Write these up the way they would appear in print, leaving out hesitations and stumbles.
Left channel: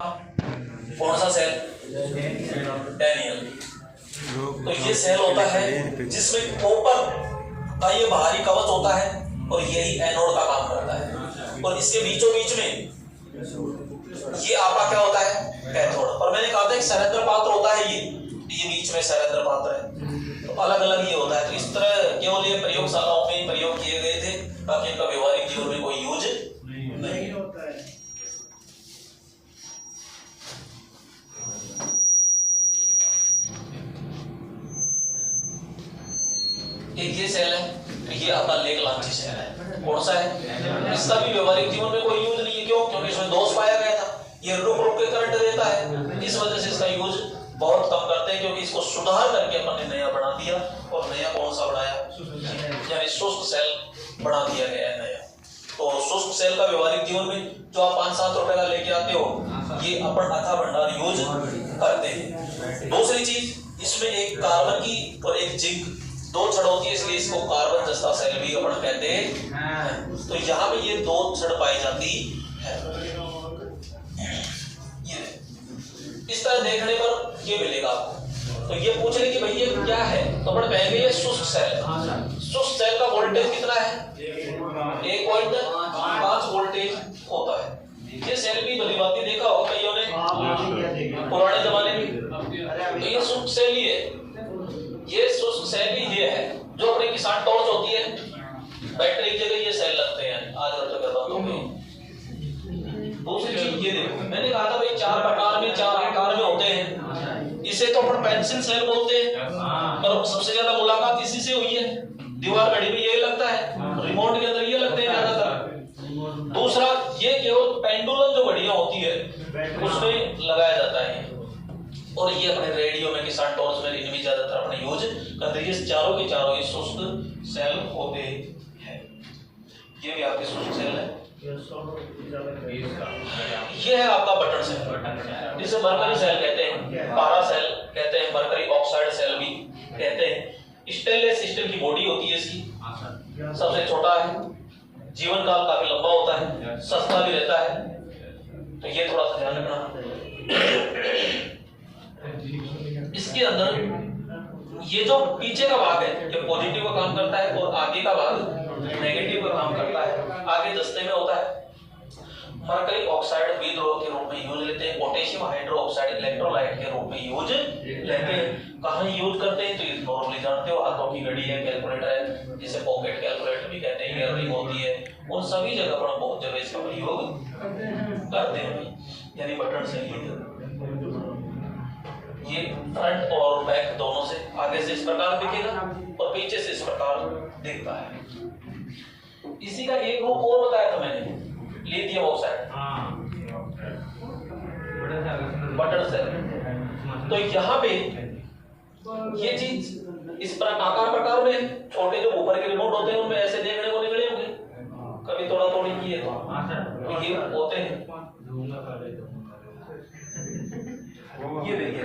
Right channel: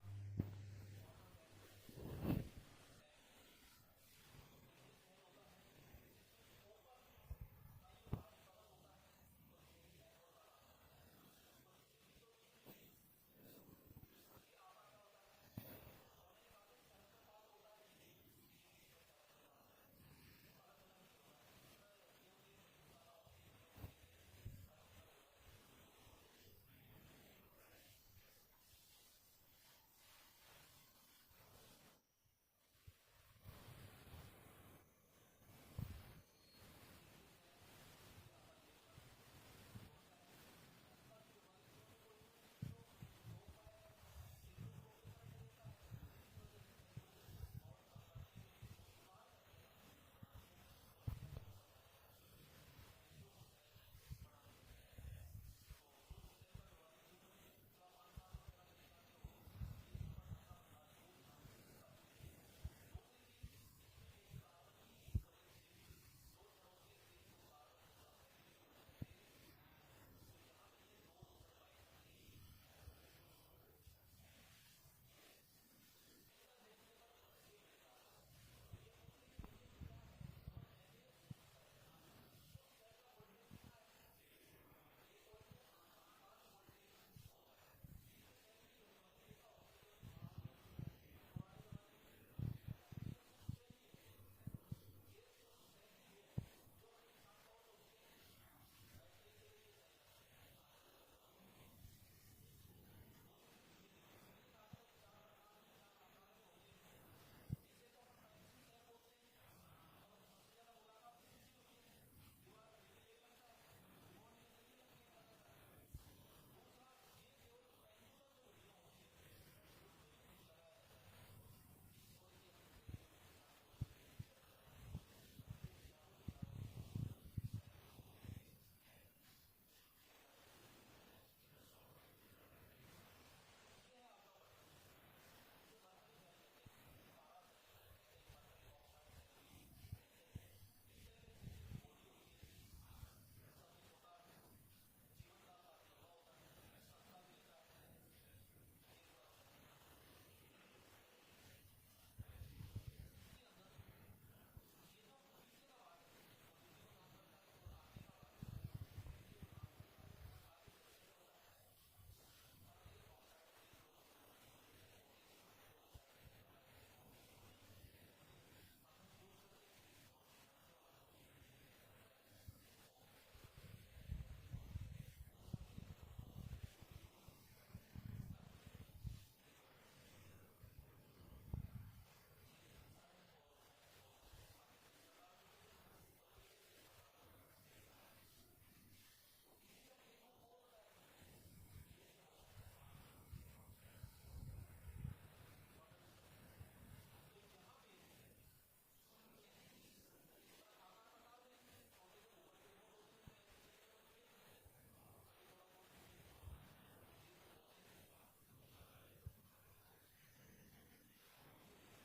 कौन सा cell? Daniel. तो ये सेल होता है जिसमें कॉपर का ये बाहरी कवच होता है और यही एनोड का काम करता है, और इसके बीचों बीच में ये आपका क्या होता है? कैथोड। और मैंने कहा था एक सरेंद्र पात्र होता है, ये बीच में सरेंद्र पात्र है, तो अलग अलग ये होता है। तो इस तरह केवल ये प्रयोगशालाओं में प्रयोग किए गए थे ताकि इनका व्यवहारिक जीवन में कोई यूज नहीं होता है। एक ये सेल है, ये आपका लेग लांची सेल है। कौन सा है? इसका भी व्यवहारिक जीवन में कोई यूज नहीं है। क्यों? क्योंकि इसमें दोष पाया गया था, ये रुक रुक के करंट देता है, इस वजह से इसका यूज बहुत कम करते हैं। क्योंकि इसको सुधार करके अपन ने नया बना दिया, और नया कौन सा बनाया? यानी शुष्क सेल बना दिया गया है नया। तो शुष्क सेल का व्यवहारिक जीवन में जो आप 5-7 रुपए का लेके आते हो, ये अपन अथा भंडार यूज करते हैं। दूसरी चीज, इसमें एक कार्बन की और एक जिंक दो छड़ होती है, इसलिए इसको कार्बन जस्ता सेल भी अपन कहते हैं। तो यहाँ पे ये दो छड़ पाई जाती है। ये इस तरह देखने पर ये मिलेगा आपको। तो ये पूछ रहे कि भाई ये क्या है, तो अपन कहेंगे ये शुष्क सेल। शुष्क सेल का वोल्टेज कितना है? 1.5 वोल्टेज होता है। ये सेल भी भली बात देखा होगा कईयों ने पुराने जमाने में। तो ये शुष्क सेल ही है, ये शुष्क सेल ही ये है जो अपने किसान टॉर्च होती है, बैटरी की जगह ये सेल लगते हैं आज तक बातों में। दूसरी चीज ये देखो, मैंने कहा था भाई 4 प्रकार में 4 आकार में होते हैं। इसे तो अपन पेंसिल सेल बोलते हैं, पर सबसे ज्यादा मुलाकात इसी से हुई है। दीवार घड़ी में ये लगता है, रिमोट के अंदर ये लगते हैं ज्यादातर। दूसरा, ये केवल पेंडुलम जो घड़ियां होती है उसमें लगाया जाता है, और ये अपने रेडियो में किसान टॉर्च में इनमें ज्यादातर अपने यूज करते हैं। ये चारों के चारों शुष्क सेल होते हैं। ये भी आपके शुष्क सेल है। ये है आपका बटन सेल, जिसे मरकरी सेल कहते हैं, पारा सेल कहते हैं, मरकरी ऑक्साइड सेल भी कहते हैं। स्टेनलेस स्टील की बॉडी होती है इसकी, सबसे छोटा है, जीवन काल काफी लंबा होता है, सस्ता भी रहता है। तो ये थोड़ा सा ध्यान रखना। इसके अंदर ये जो पीछे का भाग है ये पॉजिटिव का काम करता है, और आगे का भाग नेगेटिव का काम करता है। आगे दस्ते में होता है। मरकरी ऑक्साइड विद्रोह के रूप में यूज लेते हैं, पोटेशियम हाइड्रोक्साइड इलेक्ट्रोलाइट के रूप में यूज लेते हैं। कहाँ यूज करते हैं? तो ये नॉर्मली जानते हो, हाथों की घड़ी है, कैलकुलेटर है, जिसे पॉकेट कैलकुलेटर भी कहते हैं, ईयररिंग होती है, उन सभी जगह पर बहुत जगह इसका प्रयोग करते हैं। यानी बटन से ये फ्रंट और बैक दोनों से, आगे से इस प्रकार दिखेगा और पीछे से इस प्रकार दिखता है। इसी का एक रूप और बताया था मैंने, लिथियम ऑक्साइड बटन सेल। तो यहाँ पे ये चीज इस प्रकार में, छोटे जो ऊपर के रिमोट होते हैं उनमें ऐसे देखने को निकले होंगे, कभी थोड़ा थोड़ी किए तो ये होते हैं। ये देखिए,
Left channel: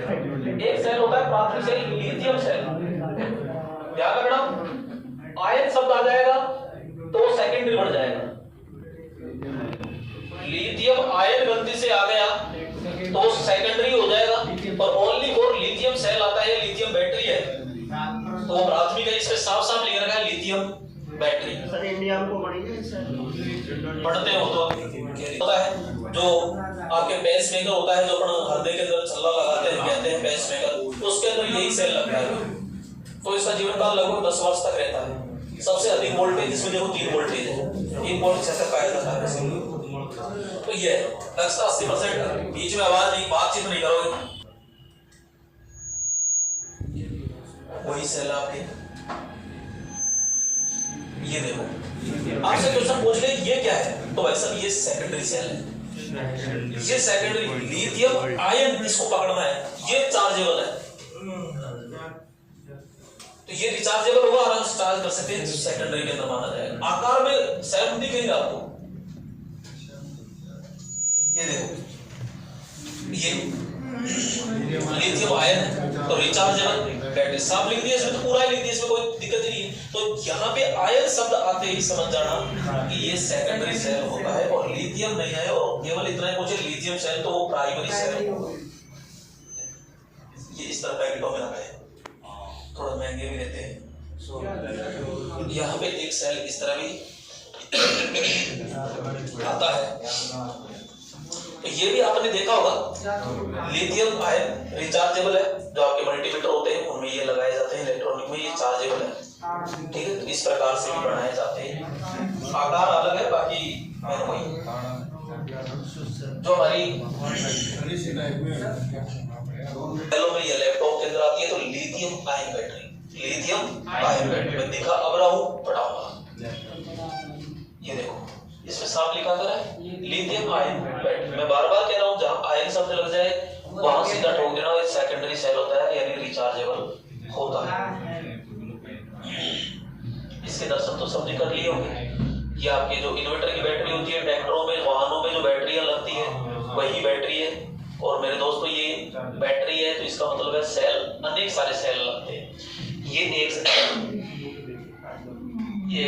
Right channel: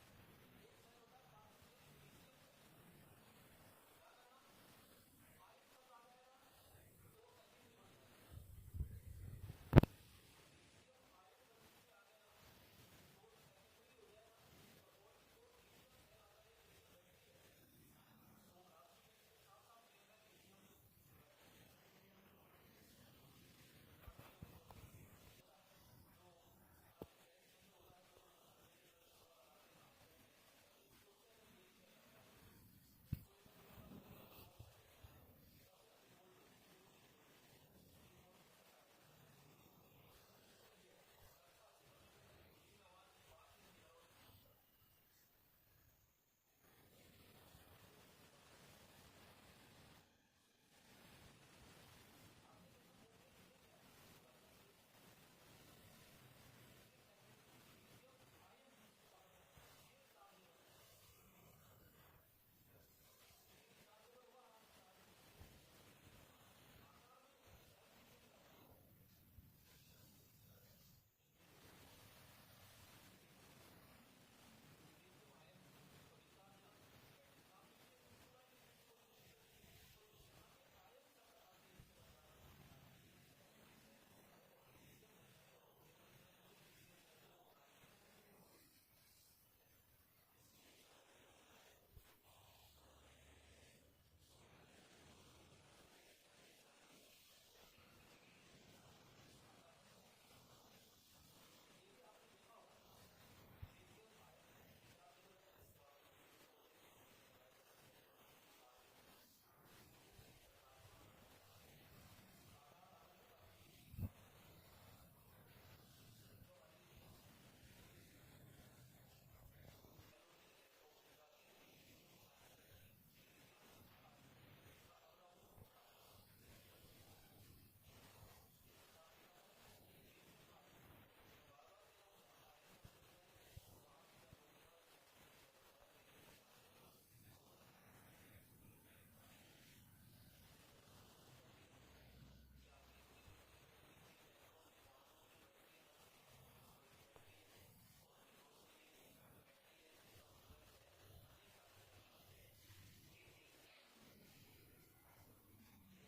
एक सेल होता है प्राथमिक सेल, लिथियम सेल। ध्यान रखना, आयन शब्द आ जाएगा तो सेकेंडरी बढ़ जाएगा। लिथियम आयन ग्रंथि से आ गया तो सेकेंडरी हो जाएगा, और ओनली फॉर लिथियम सेल आता है, लिथियम बैटरी है, तो प्राथमिक है। इसमें साफ साफ लिख रखा है लिथियम बैटरी। सर इंडिया को पढ़ते हो तो होता है जो आपके पेस मेकर होता है, जो अपन हृदय के अंदर छल्ला लगाते हैं, कहते हैं पेस मेकर, उसके अंदर यही सेल लगता है। तो इसका जीवन काल लगभग 10 वर्ष तक रहता है। सबसे अधिक वोल्टेज इसमें देखो 3 वोल्टेज है, 1.6 तक पाया जाता है। तो ये दक्षता 80%। बीच में आवाज नहीं, बातचीत नहीं करोगे, वही सेल आपके। ये देखो, आपसे क्वेश्चन पूछ ले ये क्या है, तो भाई साहब ये सेकेंडरी सेल है। ये सेकेंडरी लिथियम आयन, इसको पकड़ना है, ये चार्जेबल है, तो ये रिचार्जेबल होगा, आराम से चार्ज कर सकते हैं, सेकेंडरी के अंदर माना जाएगा। आकार में सेल दिखेगा आपको, ये देखो, ये लिथियम आयन है, तो रिचार्जेबल बैटरी। साफ लिख दिया इसमें, तो पूरा लिख दिया, इसमें कोई दिक्कत नहीं है। तो यहाँ पे आयन शब्द आते ही समझ जाना कि ये सेकेंडरी सेल होता है और लिथियम नहीं है, और केवल इतना ही पूछे लिथियम सेल तो वो प्राइमरी सेल होगा। ये इस तरह पैकेटों में आते हैं, थोड़ा महंगे भी रहते हैं। यहाँ पे एक सेल इस तरह भी आता है। तो ये भी आपने देखा होगा, लिथियम आयन रिचार्जेबल है, जो आपके मल्टीमीटर होते हैं उनमें ये लगाए जाते हैं, इलेक्ट्रॉनिक में ये चार्जेबल है। ठीक है, तो इस प्रकार से भी बनाए जाते हैं। आकार अलग है, बाकी वही जो हमारी में ये लैपटॉप के अंदर आती है, तो lithium ion battery, lithium ion battery मैं दिखा अब रहा हूँ पढ़ाऊंगा। ये देखो इसमें साफ लिखा कर है लिथियम आयन बैटरी। मैं बार बार कह रहा हूँ, जहाँ आयन शब्द लग जाए वहां सीधा ठोक देना, ये सेकेंडरी सेल होता है, यानी रिचार्जेबल होता है। इसके दर्शन तो सबने कर लिए होंगे। ये आपके जो इन्वर्टर की बैटरी होती है, ट्रैक्टरों में, वाहनों में जो बैटरियां लगती है वही बैटरी है। और मेरे दोस्तों ये बैटरी है, तो इसका मतलब है सेल, अनेक सारे सेल लगते हैं। ये एक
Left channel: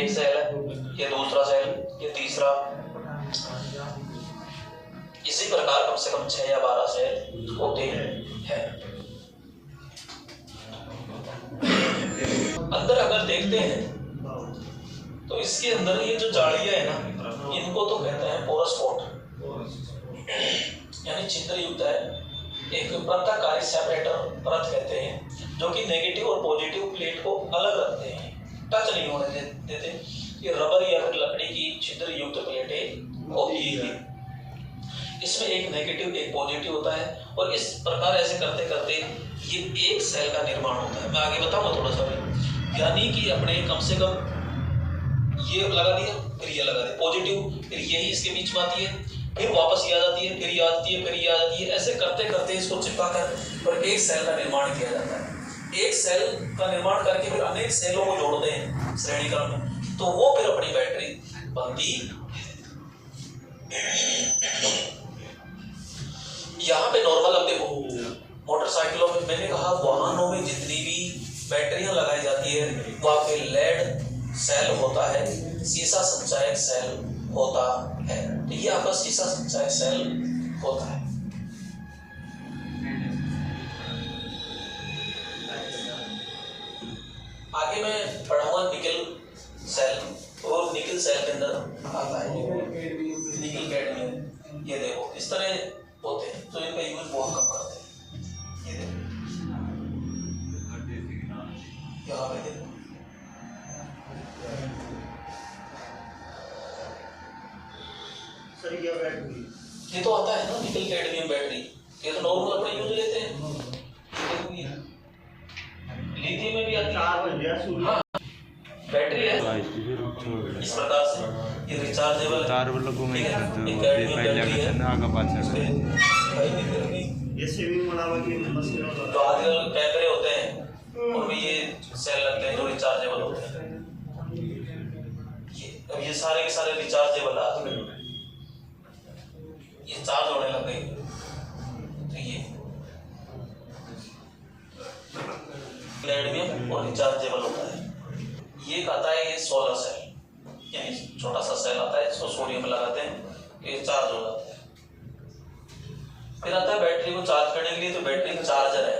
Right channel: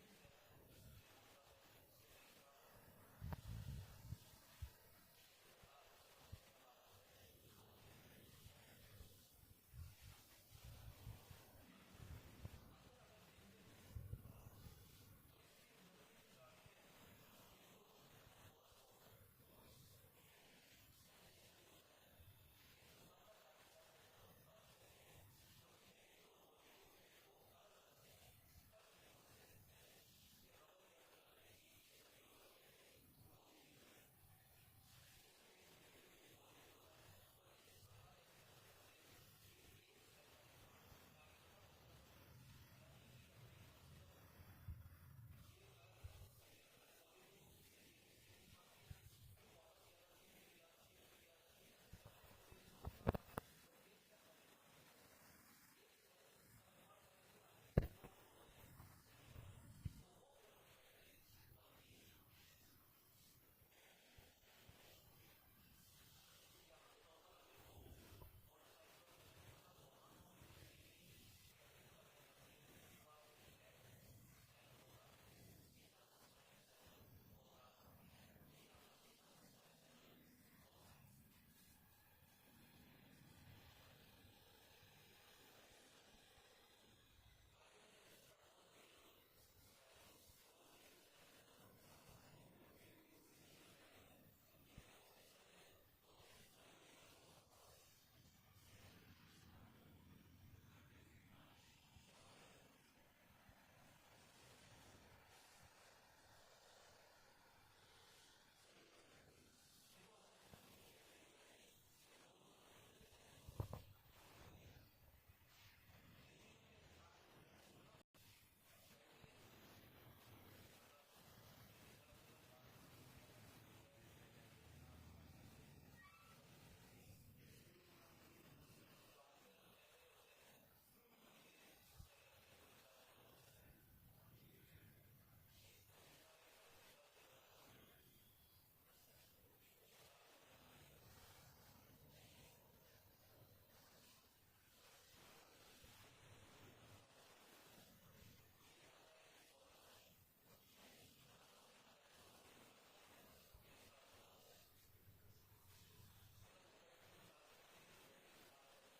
सेल है, ये दूसरा सेल, ये तीसरा, इसी प्रकार कम से कम 6 या 12 सेल होते हैं। अंदर अगर देखते हैं तो इसके अंदर ये जो जालियां है ना, इनको तो कहते हैं पोरस कोट, यानी छिद्र युक्त है। एक पृथककारी सेपरेटर परत कहते हैं, जो कि नेगेटिव और पॉजिटिव प्लेट को अलग रखते हैं, टच नहीं होने देते। ये रबर या फिर लकड़ी की छिद्र युक्त प्लेटें होती है। इसमें एक नेगेटिव एक पॉजिटिव होता है, और इस प्रकार ऐसे करते करते ये एक सेल का निर्माण होता है। मैं आगे बताऊंगा थोड़ा सा भी। यानी कि अपने कम से कम ये लगा दिया, फिर ये लगा दिया पॉजिटिव, फिर यही इसके बीच में आती है, फिर वापस ये आ जाती है, फिर ये आती है, फिर ये आ जाती है। ऐसे करते करते इसको चिपका कर और एक सेल का निर्माण किया जाता है। एक सेल का निर्माण करके फिर अनेक सेलों को जोड़ते हैं श्रेणी क्रम में, तो वो फिर अपनी बैटरी बनती। यहाँ पे नॉर्मल अब देखो, मोटरसाइकिलों में, मैंने कहा वाहनों में जितनी भी बैटरियां लगाई जाती है वहां पे लेड सेल होता है, सीसा संचायक सेल होता है। तो ये आपका सीसा संचायक सेल होता है। आगे मैं पढ़ाऊंगा निकल सेल, और निकल सेल के अंदर आता है निकल कैडमियम। ये देखो इस तरह होते हैं, तो इनका यूज बहुत कम करते हैं। ये देखो यहाँ पे देखो, ये तो आता है ना निकल कैडमियम बैटरी, ये तो नॉर्मल अपने यूज लेते हैं। लिथियम में भी आती है, हाँ बैटरी है इस प्रकार से, ये रिचार्जेबल है। तार वालों में ये सेविंग बनावा की मशीन, जो आजकल कैमरे होते हैं उनमें ये सेल लगते हैं जो रिचार्जेबल होते हैं। अब ये सारे के सारे रिचार्जेबल आ गए, ये चार्ज होने लग गए। तो ये कैडमियम और रिचार्जेबल होता है। ये आता है ये 16 सेल, यानी छोटा सा सेल आता है, इसको सोडियम में लगाते हैं, ये चार्ज हो जाता है। फिर आता है बैटरी को चार्ज करने के लिए, तो बैटरी चार्जर है।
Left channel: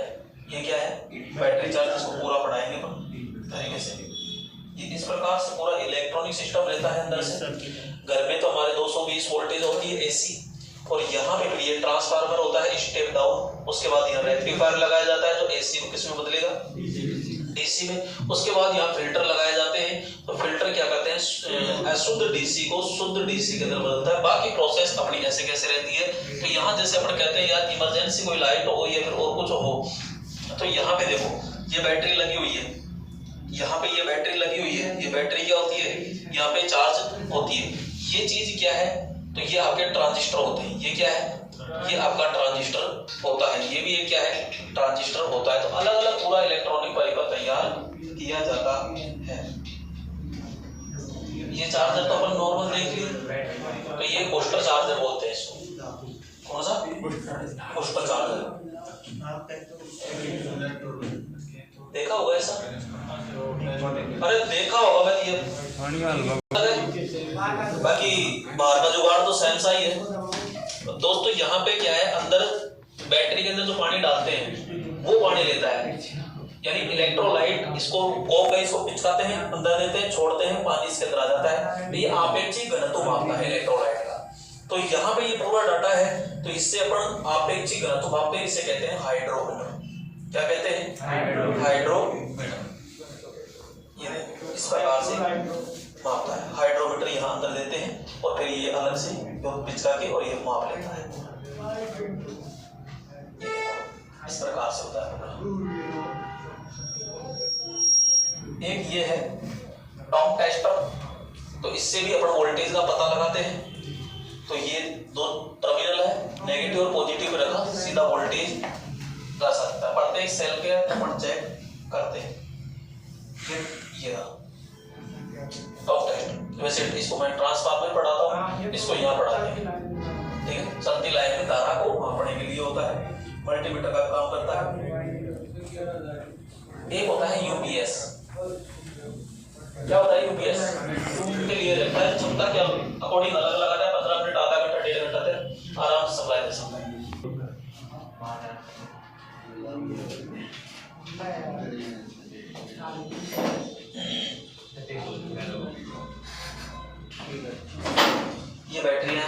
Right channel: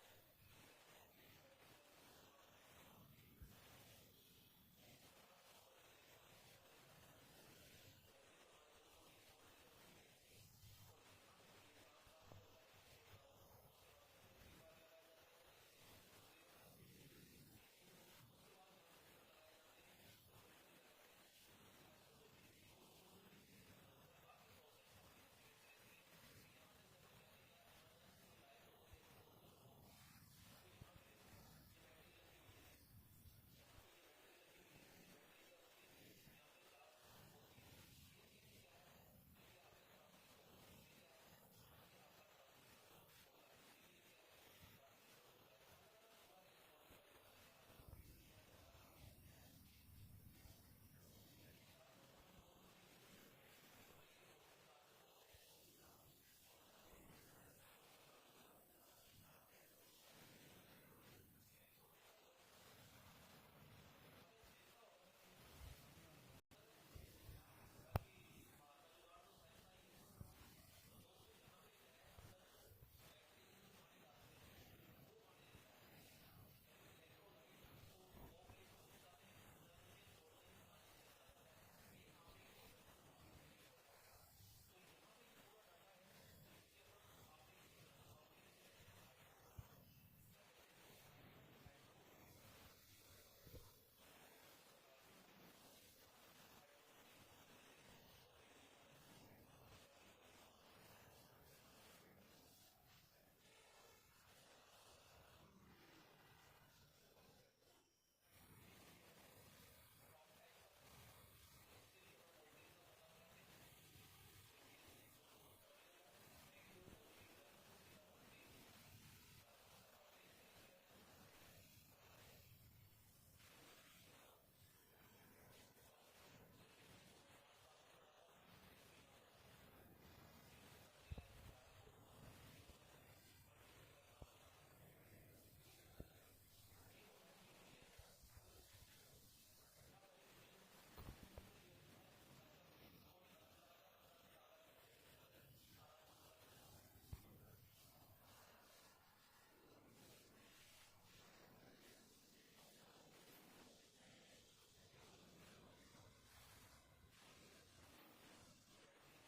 ये क्या है? बैटरी चार्ज, इसको पूरा पढ़ाएंगे तरीके से। ये इस प्रकार से पूरा इलेक्ट्रॉनिक सिस्टम रहता है अंदर से। घर में तो हमारे 220 वोल्टेज होती है एसी, और यहाँ पे ये ट्रांसफार्मर होता है स्टेप डाउन, उसके बाद यहाँ रेक्टिफायर लगाया जाता है जो एसी को किस में बदलेगा, डीसी में। उसके बाद यहाँ फिल्टर लगाए जाते हैं, तो फिल्टर क्या करते हैं, अशुद्ध डीसी को शुद्ध डीसी के अंदर बदलता है। बाकी प्रोसेस अपनी ऐसे कैसे रहती है। तो यहाँ जैसे अपन कहते हैं यार इमरजेंसी कोई लाइट हो या फिर और कुछ हो, तो यहाँ पे देखो ये बैटरी लगी हुई है, यहाँ पे ये बैटरी लगी हुई है, ये बैटरी क्या होती है, यहाँ पे चार्ज होती है। ये चीज क्या है, तो ये आपके ट्रांजिस्टर होते हैं। ये क्या है, ये आपका ट्रांजिस्टर होता है। ये भी एक क्या है, ट्रांजिस्टर होता है। तो अलग अलग पूरा इलेक्ट्रॉनिक पाइप तैयार किया जाता है। ये चार्जर तो अपन नॉर्मल देख लिए, तो ये बूस्टर चार्जर बोलते हैं इसको। कौन सा बूस्टर चार्जर, देखा होगा ऐसा? अरे देखा बाकी बाहर का जुगाड़ तो सेम सा ही है। दोस्तों यहाँ पे क्या है, अंदर बैटरी के अंदर जो पानी डालते हैं वो पानी लेता है, यानी इलेक्ट्रोलाइट इसको इसको पिचकाते हैं, अंदर देते हैं, छोड़ते हैं, पानी इसके अंदर आ जाता है। तो ये आपेक्षिक घनत्व मापता है इलेक्ट्रोलाइट का। तो यहाँ पे ये पूरा डाटा है, तो इससे अपन आपेक्षिक घनत्व मापते हैं, इसे कहते हैं हाइड्रोमीटर। क्या कहते हैं? हाइड्रोमीटर। ये इस प्रकार से मापता है। हाइड्रोमीटर यहाँ अंदर देते हैं और फिर ये अलग से पिचका के और ये माप लेता है। इस प्रकार से होता है। एक ये है टॉम टेस्टर, तो इससे भी अपन वोल्टेज का पता लगाते हैं। तो ये दो टर्मिनल है, नेगेटिव और पॉजिटिव रखा, सीधा वोल्टेज कर सकता है। प्रत्येक सेल के अपन चेक करते हैं। ये टॉम टेस्टर, वैसे इसको मैं ट्रांसफार्मर पढ़ाता हूँ, इसको यहाँ पढ़ाते हैं। ठीक है, चलती लाइन में धारा को मापने के लिए होता है, मल्टीमीटर का काम करता है। एक होता है यूपीएस। क्या होता है यूपीएस? के लिए रहता है क्षमता क्या अकॉर्डिंग अलग लगाता है, 15 मिनट, आधा घंटा, 1.5 घंटा तक आराम से सप्लाई दे सकता है। ये बैटरी है,